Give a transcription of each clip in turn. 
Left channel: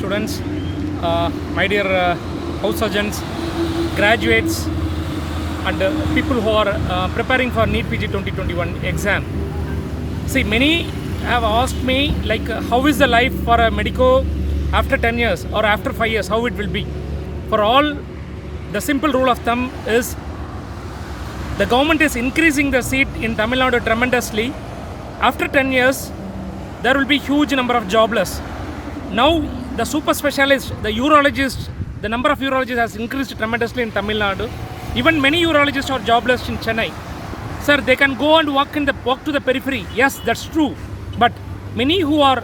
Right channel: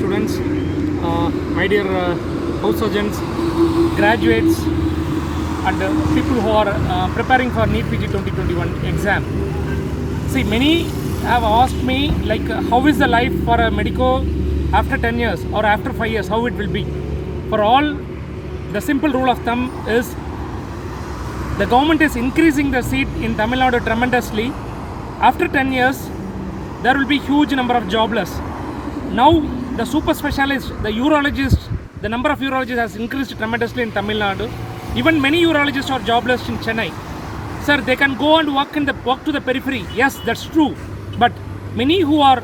students, my dear house surgeons, graduates, and people who are preparing for NEET PG 2021 exam. See, many have asked me like how is the life for a medico after 10 years or after 5 years, how it will be. For all, the simple rule of thumb is the government is increasing the seat in Tamil Nadu tremendously. After 10 years, there will be huge number of jobless. Now, the super specialists, the urologists, the number of urologists has increased tremendously in Tamil Nadu. Even many urologists are jobless in Chennai. Sir, they can go and walk to the periphery. Yes, that's true. But many who are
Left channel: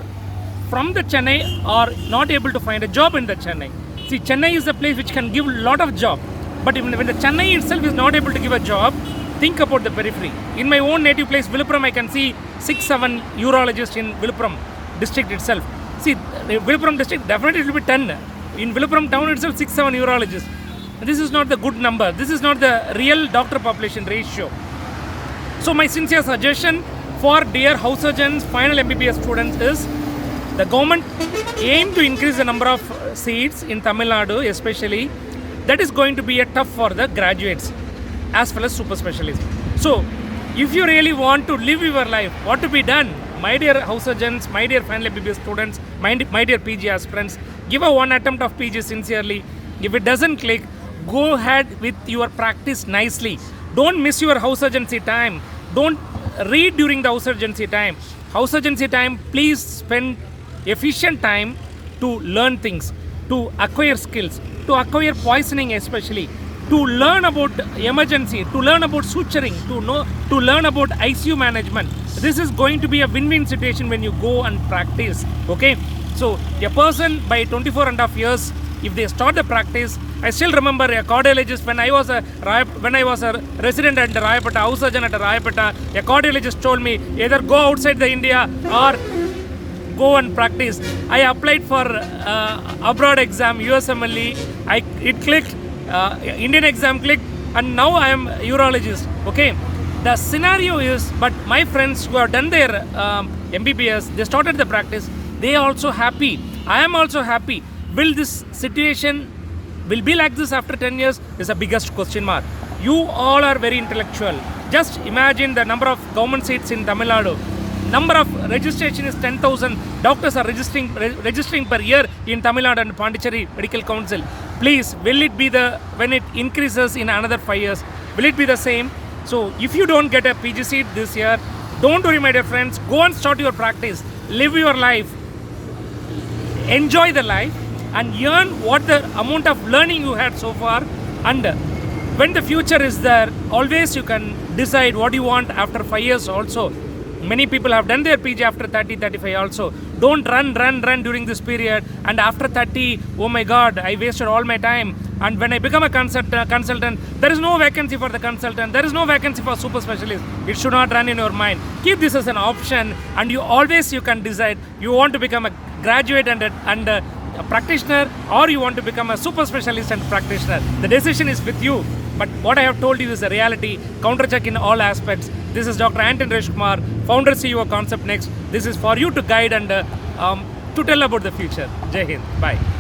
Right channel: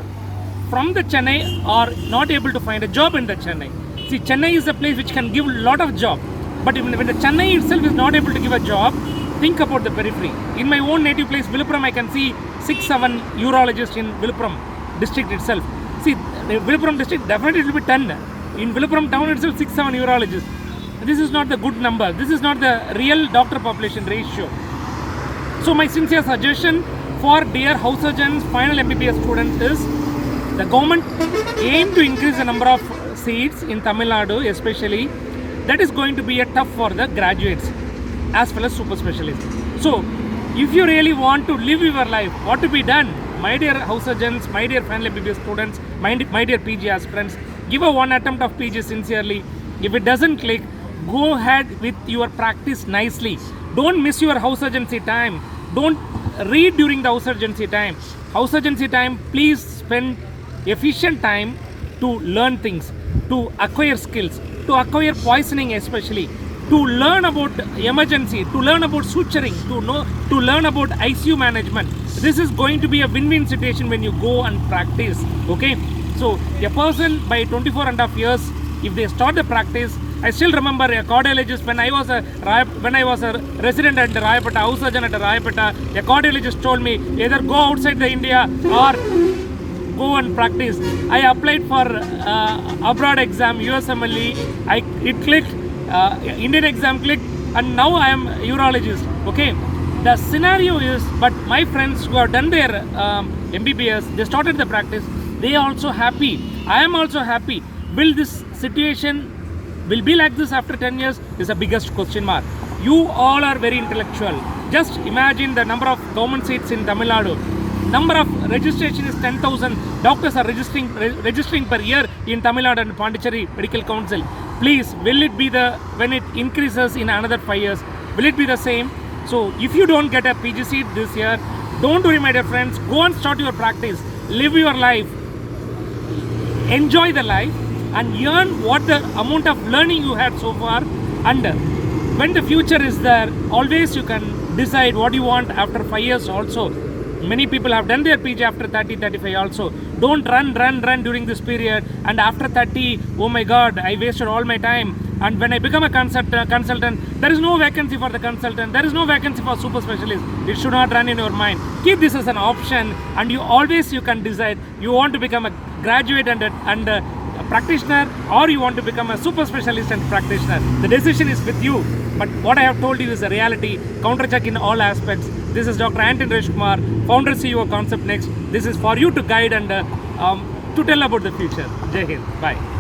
from the Chennai are not able to find a job in the Chennai. See, Chennai is a place which can give a lot of job. But when the Chennai itself is not able to give a job, think about the periphery. In my own native place, Viluppuram, I can see 6-7 urologists in Viluppuram district itself. See, Viluppuram district definitely will be 10. In Viluppuram town itself, 6-7 urologists. This is not the good number. This is not the real doctor population ratio. So my sincere suggestion for dear house surgeons, final MBBS students is the government aim to increase the number of seats in Tamil Nadu especially. That is going to be a tough for the graduates as well as super specialists. So if you really want to live your life, what to be done? My dear house surgeons, my dear final MBBS students, my dear PG aspirants, give a one attempt of PG sincerely. If it doesn't click, go ahead with your practice nicely. Don't miss your house surgency time. Don't read during the house surgency time. House surgency time, please spend efficient time to learn things, to acquire skills, to acquire poisoning especially, to learn about emergency, to learn about suturing, to learn about ICU management. This is going to be a win-win situation when you go and practice. Okay, so a person by 24.5 years, if they start the practice, I still remember a cardiologist when I was a resident at the Rayapeta, house surgeon at the Rayapeta, a cardiologist told me either go outside the India or go and practice. I applied for abroad exam, USMLE, it clicked, Indian exam clicked, and now I am urologist. Okay, the scenario is, but my friends who have done their MBBS, they started the practice, they are also happy. I am also happy. Will this situation will be like this after 10 years is the biggest question mark. You all are very intellectual. Just imagine the number of government seats in Tamil Nadu. Number of registration is 10,000. Doctors are registering per year in Tamil Nadu and Pondicherry Medical Council. Please, will it be when it increases in another 5 years, will it be the same? So if you don't get a PG seat this year, don't worry my dear friends, go and start your practice, live your life, enjoy the life, and earn what the amount of learning you had so far. And when the future is there, always you can decide what you want after 5 years also. Many people have done their PG after 30, 35 also. Don't run during this period. And after 30, oh my God, I wasted all my time. And when I become a consultant, there is no vacancy for the consultant. There is no vacancy for super specialist. It should not run in your mind. Keep this as an option, and you can decide. You want to become a graduate and a practitioner, or you want to become a super specialist and practitioner. The decision is with you. But what I have told you is the reality. Counter-check in all aspects. This is Dr. Anton Reshkumar, founder CEO Concept Next. This is for you to guide and to tell about the future. Jai Hind. Bye.